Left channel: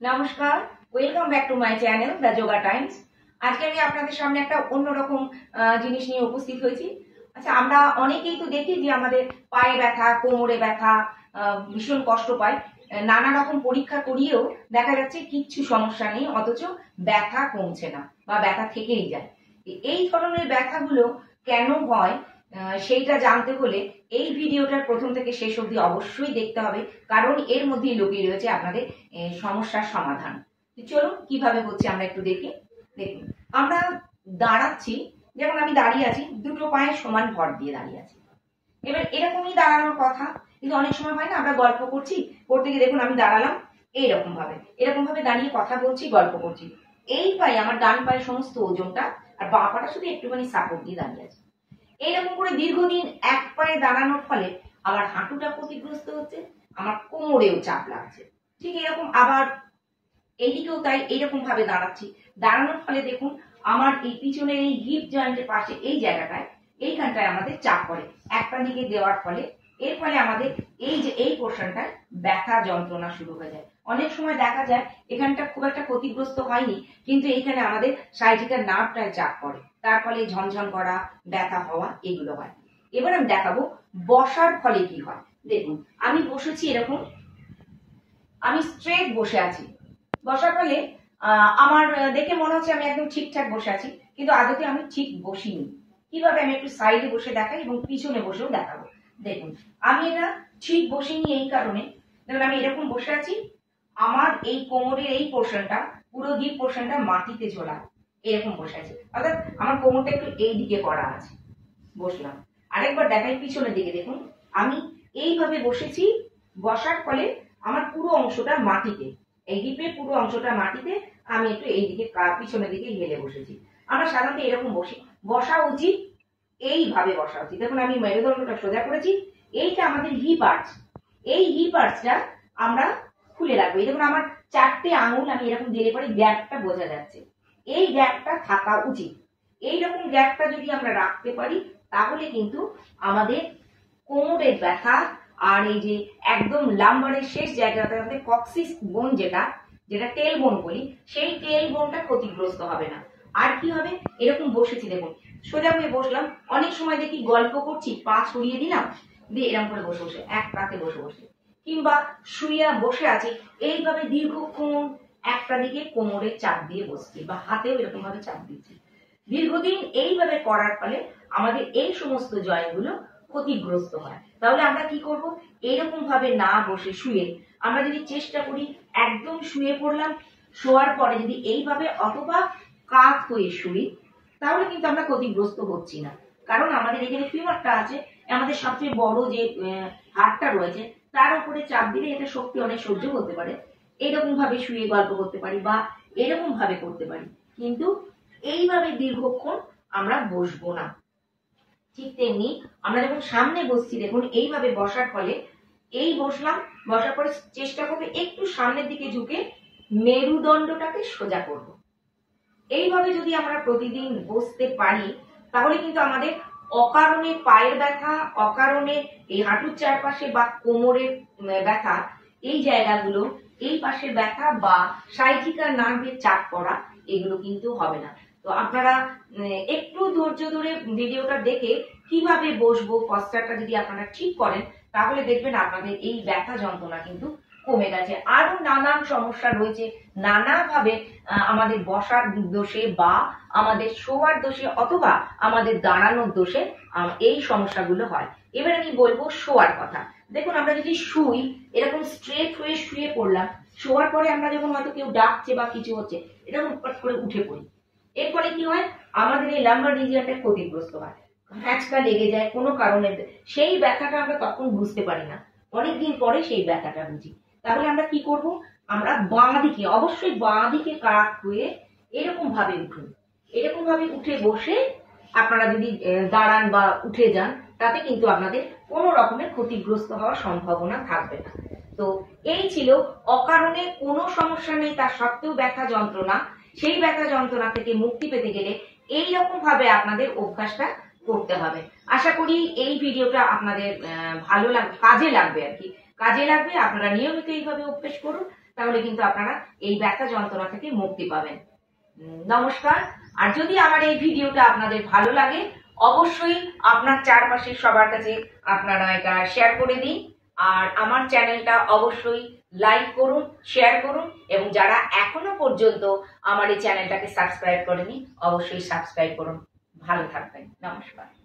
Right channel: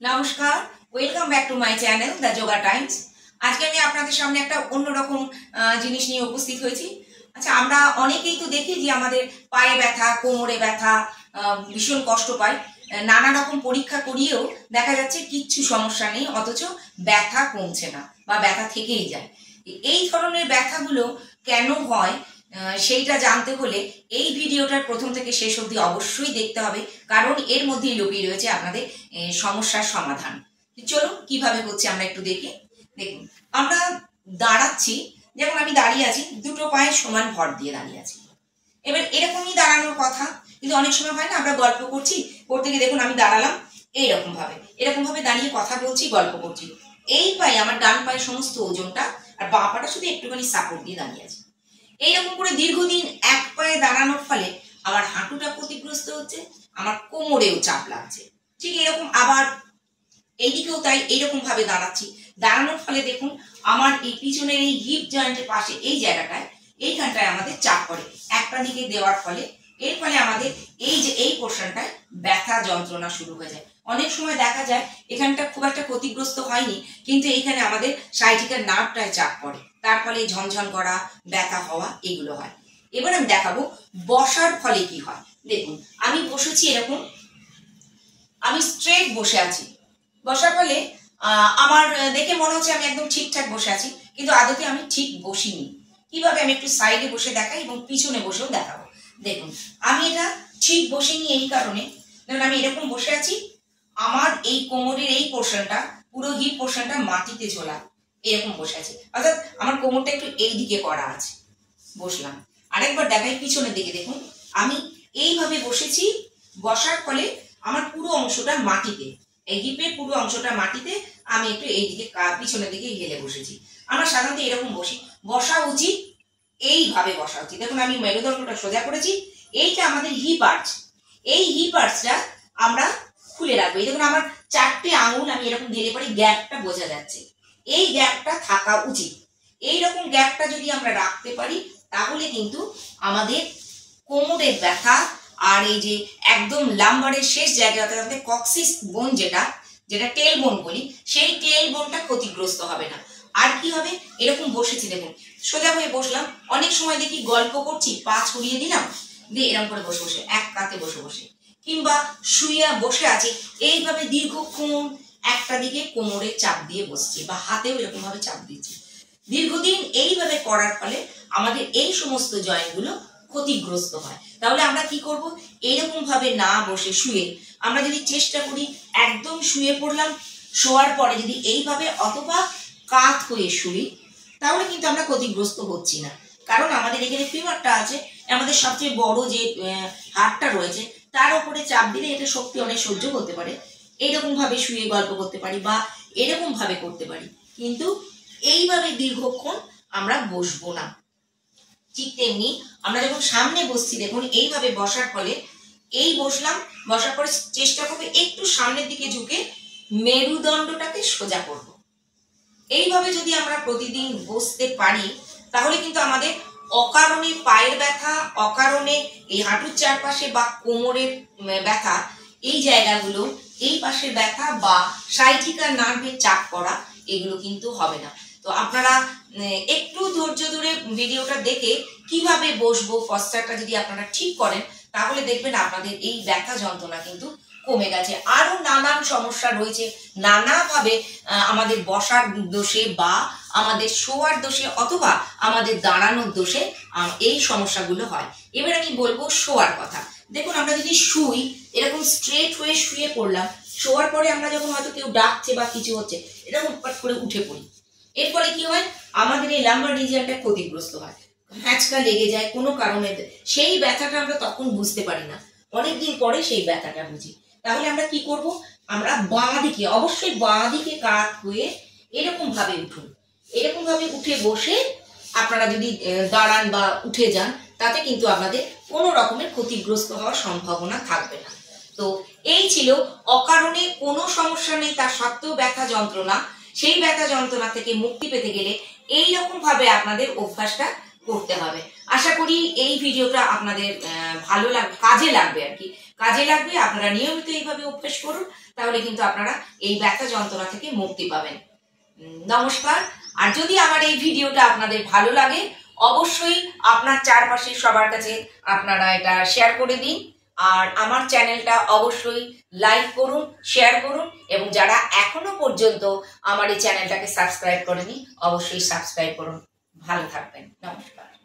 নমস্কার, welcome back to my channel the yoga Times. আজকে আমি আপনাদের সামনে একটা অন্যরকম জিনিস নিয়ে উপস্থিত হয়েছি। আচ্ছা, আমরা অনেকেই তো দেখি যে আমাদের পায়ে ব্যথা, কোমরে ব্যথা, ভীষণ কষ্ট পাই। নানা রকম পরীক্ষা করিয়েও দেখা যাচ্ছে কিচ্ছু সমস্যা নেই, অথচ ব্যথা কমছে না বা ব্যথা থেকেই যায়। এই ধরনের ব্যথাগুলো কেন হয় সেইটা জানতে হলে এই ভিডিওটার প্রথম থেকে শেষ অবধি অবশ্যই দেখতে হবে, কারণ এর মধ্যেই লুকিয়ে রয়েছে আপনাদের সমস্যার সমাধান। চলুন কিভাবে হচ্ছে আমরা একটু দেখি। দেখুন, আমরা দাঁড়াচ্ছি, যেমন আমি দাঁড়িয়ে আছি, দুটো পায়ে সমান ভর দিয়ে দাঁড়িয়ে আছি। এবার এরকমই দাঁড়ানোর কথা, কিন্তু অনেক সময় হয় না, আমরা গল্প করছি, করতে গিয়ে দেখুন আমি দাঁড়ালাম এরকম ভাবে দাঁড়িয়ে কথা বলছি, গল্প করছি। এই পায়ে আমার ডান পায়ে সমস্ত ওজনটা, আর বাঁ পাটা শুধু একটুখানি সাপোর্ট দিয়ে দাঁড়িয়ে আছে। এইরকম করে দীর্ঘদিন এক পায়ে দাঁড়ানোর ফলে আমার হাঁটুটা ক্ষতিগ্রস্ত হচ্ছে, আমার কোমরেও চাপ লাগছে। ঠিক এরকম আবার এইদিকেও তাই, এইরকম ভাবে দাঁড়াচ্ছি। দাঁড়ানোর ফলে দেখুন আমার এই পিছনের এই হিপ জয়েন্টের পাশে এই জায়গাটায়, এইখানটায় আমাদের চাপ পড়ে একটা দিকে দেওয়ার ফলে। এর ফলে আমাদের এই যে এই পোর্শনটায় ব্যথা যন্ত্রণা শুরু হয়ে যায়। অনেক সময় দেখা যায় এখানটা খুব একটা ক্ষতিগ্রস্ত হয়নি, কিন্তু এইখানে আমাদের সাইটিকার নার্ভটায় চাপ পড়ে, তার ফলে ঝনঝন করা, ব্যথা হওয়া এগুলো হয়। এবার আমি দেখাবো বসার ফলে কি হয়। দেখুন আমি বসেছি এরকম, আমি স্ট্রেট বসে আছি। বসার ফলে আমার দেখে মনে হচ্ছে আমি একদম ঠিকঠাক বসে আছি, কিন্তু আদতে আমি ঠিক বসিনি। কিভাবে, আমি একটু সাইডে বসে দেখাই এবং পিছনে বসেও দেখাবো। দেখুন আমি এটা ঠিক বসিনি এই কারণে, দেখুন আমি এরকম বসে আছি, আমার এই কোমরের এই পোর্শনটা, পুরো হিপ পোর্শনটা মাটিতে ঝোলা, এরকম বসে আছে, অর্থাৎ আমার কোমরটা একটু এই দিকে করা আছে। বসলাম, আরেকবার দেখাই পিছনের দিকে, দেখুন আমি এইভাবে বসেছি। বসার ফলে আমার পুরো অংশটা মাটিতে, এই হিপের পুরো অংশটা মাটিতে, আমি একটু এইদিকে পিছনের দিকে হেলে বসেছি। আমরা সাধারণত এরকম বসি, বসা উচিত এইভাবে বসা উচিত। দেখুন আমি মেরুদণ্ডটা সোজা করেছি, এইটা আমাদের হিপ আর্চ, এই হিপ আর্চটা আমরা খুলে রাখবো। এই দেখুন আমার চারটে আঙুল আমি এরকম দিলে পরে গ্যাপটা বোঝা যাচ্ছে, এই গ্যাপটা থাকা উচিত। এইরকম গ্যাপটা যদি আমরা রাখতে পারি, তাহলে কিন্তু আমাদের কোমরের ব্যথা আর এই যে একদম লাম্বারের শেষ জায়গা, অর্থাৎ কক্সিস বোন যেটা যেটা টেল বোন বলি, সেই টেল বোনটা ক্ষতিগ্রস্ত হবে না। আর কি হবে, এরকম বসেছি দেখুন, সোজা হয়ে বসলাম। অনেক সময় দেখি গল্প করছি, পা ছড়িয়ে দিলাম, দিয়ে এরকম করে বসে বসে এক কাতে বসে বসে, কিংবা শুয়ে বসে আছি, এইভাবে দীর্ঘক্ষণ একটা দিকে কোমরে চাপ দিয়ে বসছি, বা হাতেও এরকম ভাবে চাপ দিচ্ছি। দীর্ঘদিন এইভাবে করার ফলে আমাদের এই সমস্ত জয়েন্টগুলো ক্ষতিগ্রস্ত হয়। তাহলে আমরা কি করব, এরকম ভাবে না বসে শুয়ে আমরা যদি চেষ্টা করি, একদম শুয়ে পড়লাম, শোয়ার পরে যদি এইভাবে অথবা কাত হয়ে শুই, তাহলে কিন্তু আমরা ক্ষতিগ্রস্ত হচ্ছি না। কারণ আমাদের এখানে ফিমারটা আছে, আমাদের সবচেয়ে বড় যে হাড়টা রয়েছে, তার উপরে চাপ দিলে এটা শক্তি অনেক সহ্য করতে পারে। এইরকম ভাবে শুয়ে গল্প করতে পারি বা এরকম ভাবে করতে পারি, কিন্তু এইভাবে দীর্ঘক্ষণ আমরা বসবো না। ঠিক তেমনি আমরা যখন সামনে বসছি, দেখুন এইভাবে বসার ফলে, এই বসলাম, বসার পরে চেষ্টা করবো একটু সামনের দিকে ঝুঁকে মেরুদণ্ডটাকে সোজা করব। এইভাবে যদি আমরা প্রতিদিন বসতে পারি, তাহলে কিন্তু আমাদের অকারণে পায়ের ব্যথা, অকারণে এই হাঁটুর চারপাশে বা কোমরের ব্যথা, এই জায়গাগুলো, এই পাশের ব্যথা বা সাইটিকার নার্ভের চাপ পড়া, এগুলো কিন্তু হবে না। তো আপনারা একটু ধৈর্য ধরে ভিডিওটা দেখে কিভাবে বসবো, পশ্চারটা যদি আপনারা ঠিক করেন, তাহলে দেখবেন আপনাদের এই ব্যথা যন্ত্রণা কিন্তু কমে গেছে। আরো নানান সমস্যা রয়েছে, নানাভাবে আমাদের বসার দোষে বা আমাদের শোয়ার দোষে অথবা আমাদের দাঁড়ানোর দোষে এই সমস্যাগুলো হয়। এবার আমি বলবো শোয়ার কথা। দেখুন আমরা যদি শুই, এরকম স্ট্রেট হয়ে শুয়ে পড়লাম, শোয়ার পরে আমরা যখন হয়তো কেউ ডাকছে বা কিছু হচ্ছে, এরকম পট করে উঠে পড়ি, এর ফলে কি হয়, আমাদের এই লাম্বার রিজিয়নটা ক্ষতিগ্রস্ত হয়, হ্যাঁচকা লেগে যায় কোনো কারণে। সেই ব্যথাটা আমরা তখন বুঝতে পারি না, অনেকদিন পরে সেই ব্যথাটা বুঝি। তাহলে আমরা কি করব, আমরা বাঁ দিকে, অবশ্যই বাঁ দিকে কাত হয়ে এরকম ভাবে উঠুন। এরকম ভাবে উঠে বসে আপনারা যদি দাঁড়ান বা উঠে যান, তাতে কিন্তু আপনাদের কোনো রকমের ক্ষতিগ্রস্ত হওয়ার সম্ভাবনা থাকবে না। তো এই ছিল অকারণে কোনো সমস্যা নেই, তার সত্ত্বেও ব্যথা যন্ত্রণা। সেই ব্যথা যন্ত্রণা থেকে মুক্তি পেতে গেলে এইরকম ভাবে আপনাদের অভ্যাসটা করতে হবে। আশা করি এই ভিডিওটা আপনাদের ভালো লাগবে, কাজে লাগবে আর কি, কাজে লাগবে। আপনারা নিয়মিত এইভাবে অভ্যাস করুন, তাহলে কিন্তু আপনারা এই ব্যথা যন্ত্রণা থেকে মুক্তি পাবেন। নমস্কার। আর যদি আমার এই ভিডিওটা আপনাদের ভালো লাগে অবশ্যই আপনার চারপাশের সবার কাছে আপনারা এটা শেয়ার করে দিন। আর আমার চ্যানেলটা অবশ্যই লাইক করুন, শেয়ার করুন, এবং যারা এখনো পর্যন্ত আমার এই চ্যানেলটাকে সাবস্ক্রাইব করেনি অবশ্যই সাবস্ক্রাইব করুন। ভালো থাকবেন। নমস্কার।